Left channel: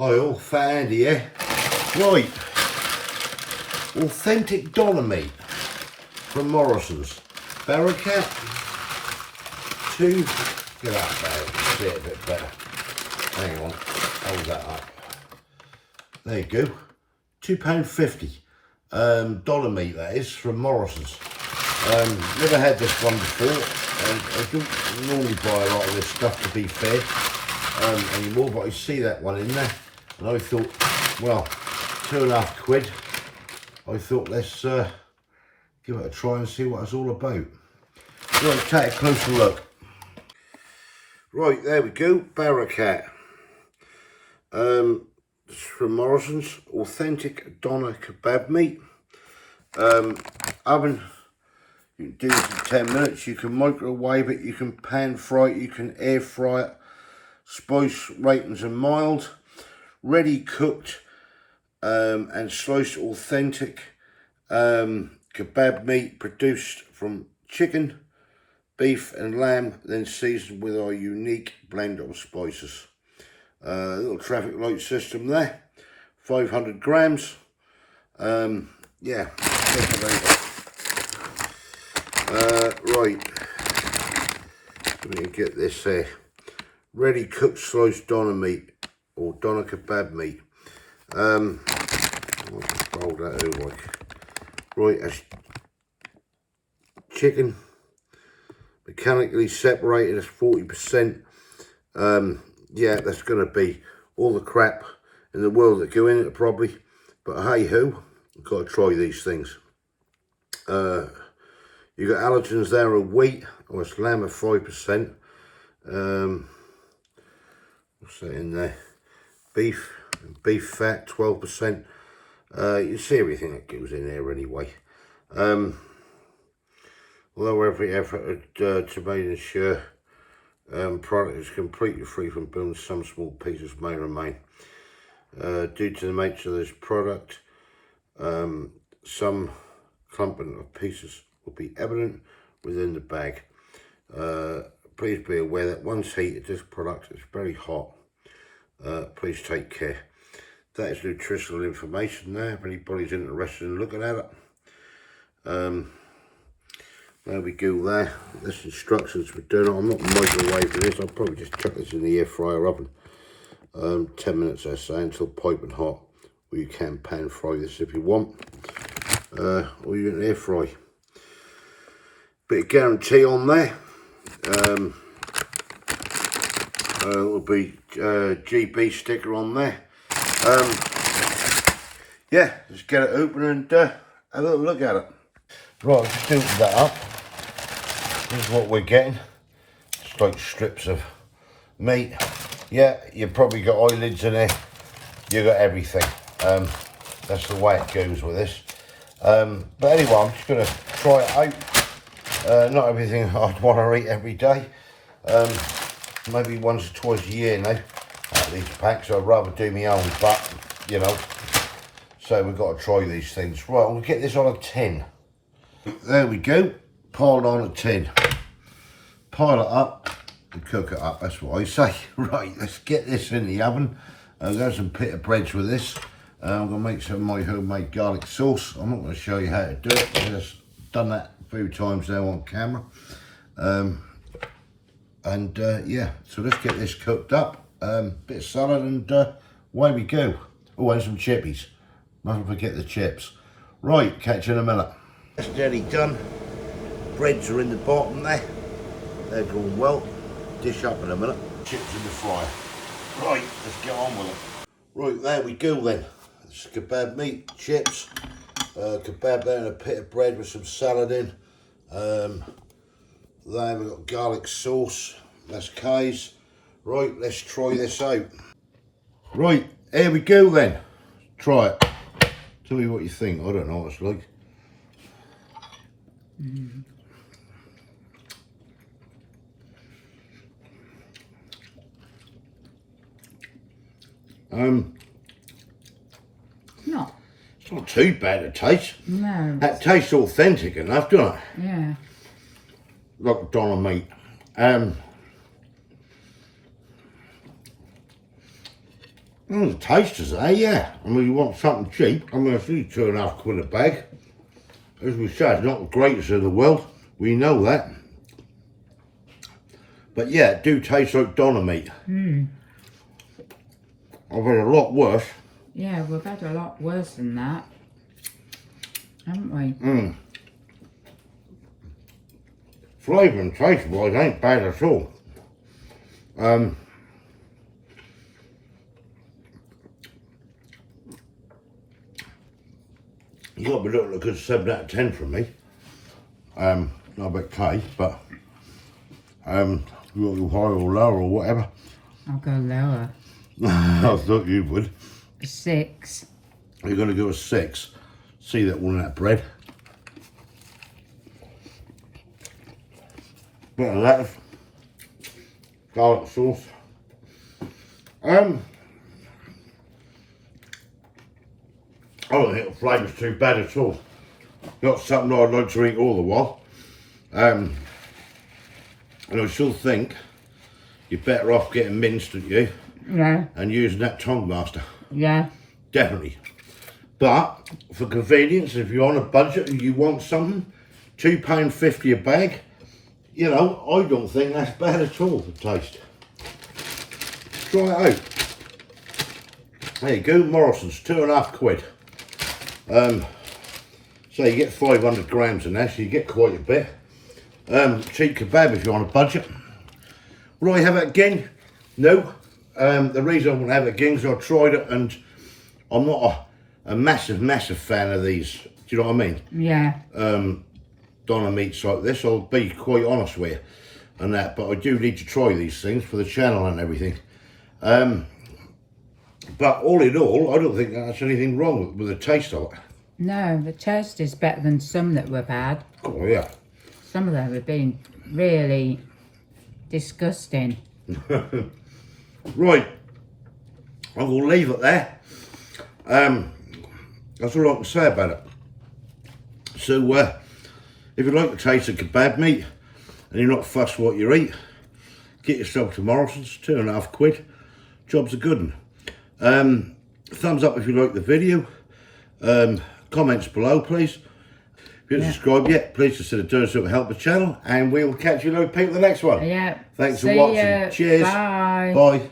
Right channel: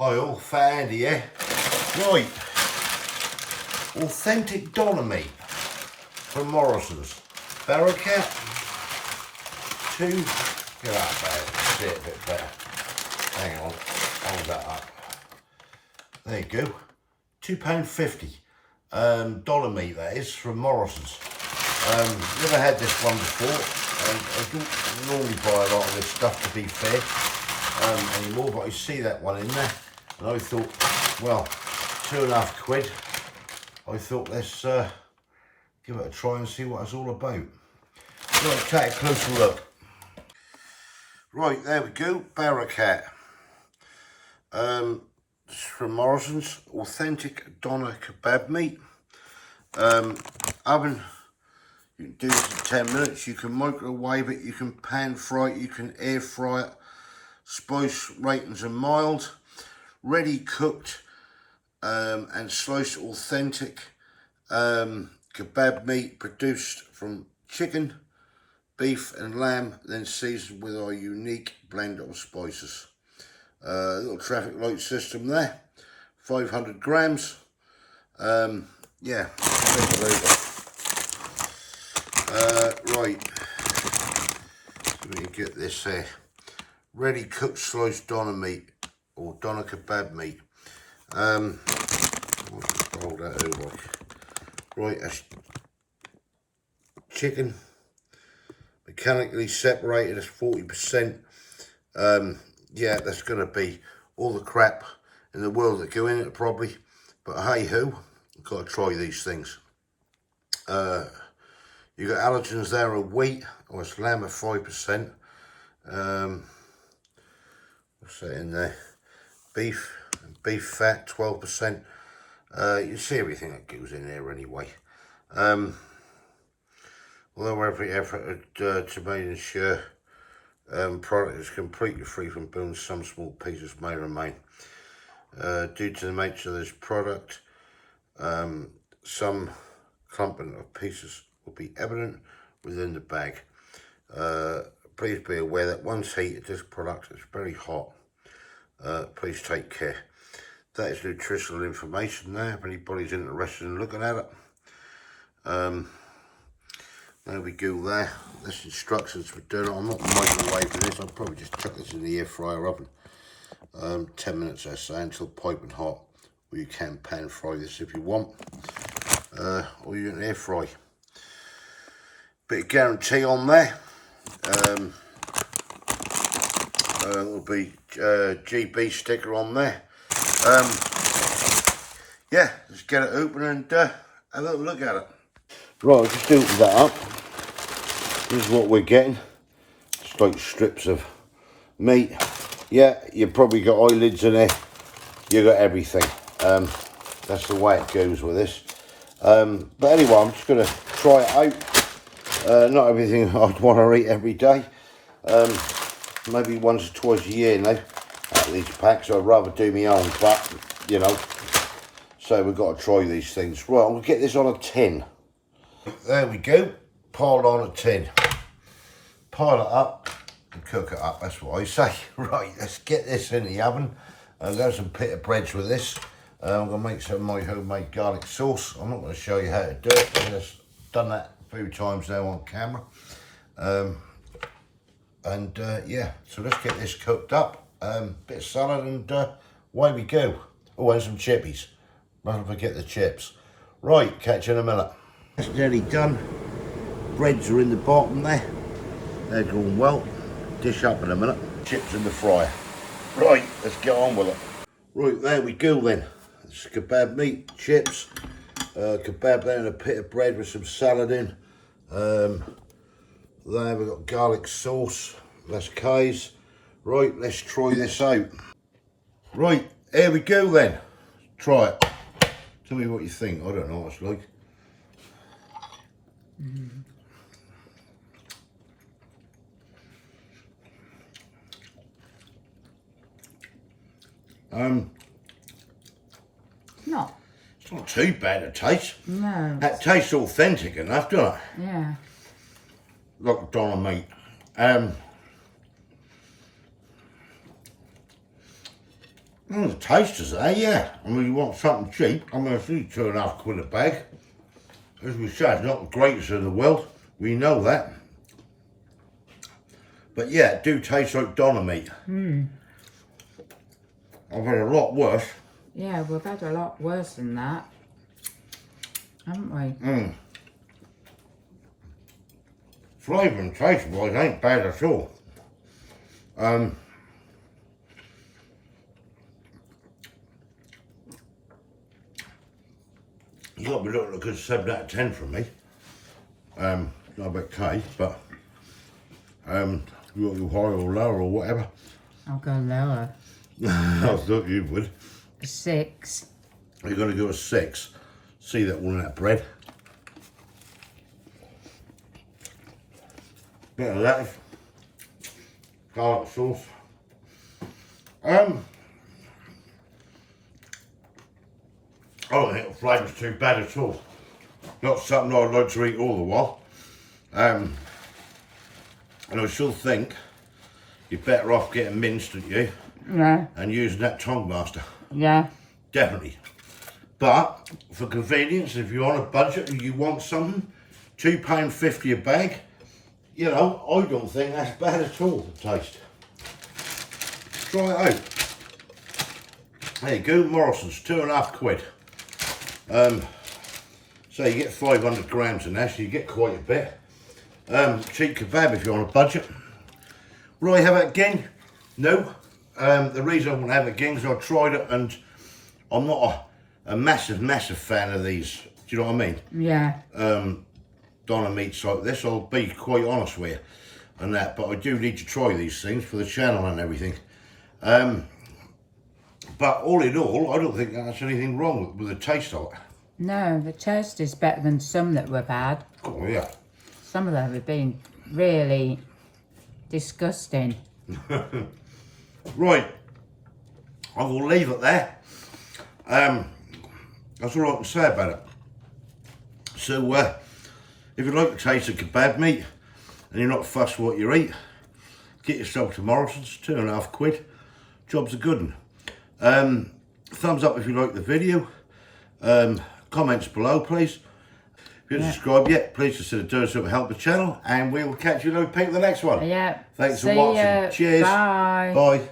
Hi all, Fat Andy here. Right, authentic doner meat from Morrisons. Barracat, get up there, see it a bit better. Hang on, hold that up. There you go, £2.50. Doner meat that is, from Morrisons. Never had this one before. I don't normally buy a lot of this stuff, to be fair, anymore, but I see that one in there. And I thought, well, £2.50. I thought, let's give it a try and see what it's all about. Right, take a closer look. Right, there we go, Barracat. It's from Morrisons, authentic doner kebab meat. Oven, you can do this in 10 minutes. You can microwave it, you can pan fry it, you can air fry it. Spice ratings are mild. Ready cooked and sliced authentic kebab meat produced from chicken, beef and lamb, then seasoned with our unique blend of spices. Little traffic light system there, 500 grams. Yeah, right, let me get this here. Ready cooked sliced doner meat, or doner kebab meat. I'll just fold that over. Right, that's chicken, mechanically separated as 40%. Yeah, that's going to be all the crap in the world that go in it probably, but hey ho, I've got to try these things. You got allergens there of wheat, or it's lamb of 5%. What's that in there? Beef fat, 12%. You see everything that goes in there anyway. Although every effort to ensure product is completely free from bones, some small pieces may remain. Due to the nature of this product, some clumping of pieces will be evident within the bag. Please be aware that once heated, this product is very hot. Please take care. That is nutritional information there, if anybody's interested in looking at it. There we go there. This instructions for doing it. I'm not microwaving this, I'll probably just chuck this in the air fryer oven. 10 minutes I say, until piping hot. Or you can pan fry this if you want. Or you can air fry. Bit of guarantee on there. There'll be GB sticker on there. Yeah, let's get it open and have a little look at it. Right, I'll just open that up. This is what we're getting. It's like strips of meat. Yeah, you've probably got eyelids in there. You got everything. That's the way it goes with this. But anyway, I'm just going to try it out. Not everything I'd want to eat every day. Maybe once or twice a year now, out of each pack, so I'd rather do my own, but, you know, so we've got to try these things. Well, we'll get this on a tin. There we go, piled on a tin. Pile it up and cook it up, that's what I say. Right, let's get this in the oven. I've got some pita breads with this. I'm going to make some of my homemade garlic sauce. I'm not going to show you how to do it, I've just done that a few times now on camera. Yeah, so let's get this cooked up. Bit of salad and away we go. Oh, and some chippies. Mustn't forget the chips. Right, catch you in a minute. That's nearly done. Breads are in the bottom there. They're going well. Dish up in a minute. Chips in the fryer. Right, let's get on with it. Right, there we go then. It's kebab meat, chips, kebab there and a bit of bread with some salad in. There we've got garlic sauce, that's Kay's. Right, let's try this out. Right, here we go then. Try it. Tell me what you think. I don't know what it's like. It's not too bad to taste. No. That tastes authentic enough, doesn't it? Yeah. Like doner meat. The tasters, yeah. I mean, you want something cheap. I mean, it's only £2.50 a bag. As we said, it's not the greatest in the world. We know that. But yeah, it do taste like doner meat. I've had a lot worse. Yeah, we've had a lot worse than that, haven't we? Flavour and taste wise ain't bad at all. You got to be looking at a good 7 out of 10 from me. Not a bit taste, but you want to go higher or lower or whatever. I'll go lower. I thought you would. 6. You're going to go a 6. See that one, that bread. Bit of lettuce. Garlic sauce. I don't think the flavour's too bad at all. Not something I'd like to eat all the while. And I still think you're better off getting minced, aren't you? Yeah. And using that tongue master. Yeah. Definitely. But for convenience, if you're on a budget and you want something, £2.50 a bag, you know, I don't think that's bad at all to taste. Try it out. There you go, Morrisons, £2.50. So you get 500 grams in there, so you get quite a bit. Cheap kebab if you're on a budget. Will I have it again? No. The reason I want to have it again is I tried it and I'm not a massive fan of these. Do you know what I mean? Yeah. Doner meats like this, I'll be quite honest with you and that, but I do need to try these things for the channel and everything. But all in all, I don't think that's anything wrong with the taste of it. No, the taste is better than some that we've had. Oh yeah. Some of them have been really disgusting. Right, I will leave it there. That's all I can say about it. So, if you like the taste of kebab meat and you're not fussed what you eat, get yourself to Morrisons, £2.50. Job's a good one. Thumbs up if you like the video. Comments below, please. If you haven't subscribed yet, please consider doing so to help the channel, and we will catch you later, people, the next one. Yeah. Thanks for See watching. ya. Cheers. Bye. Bye.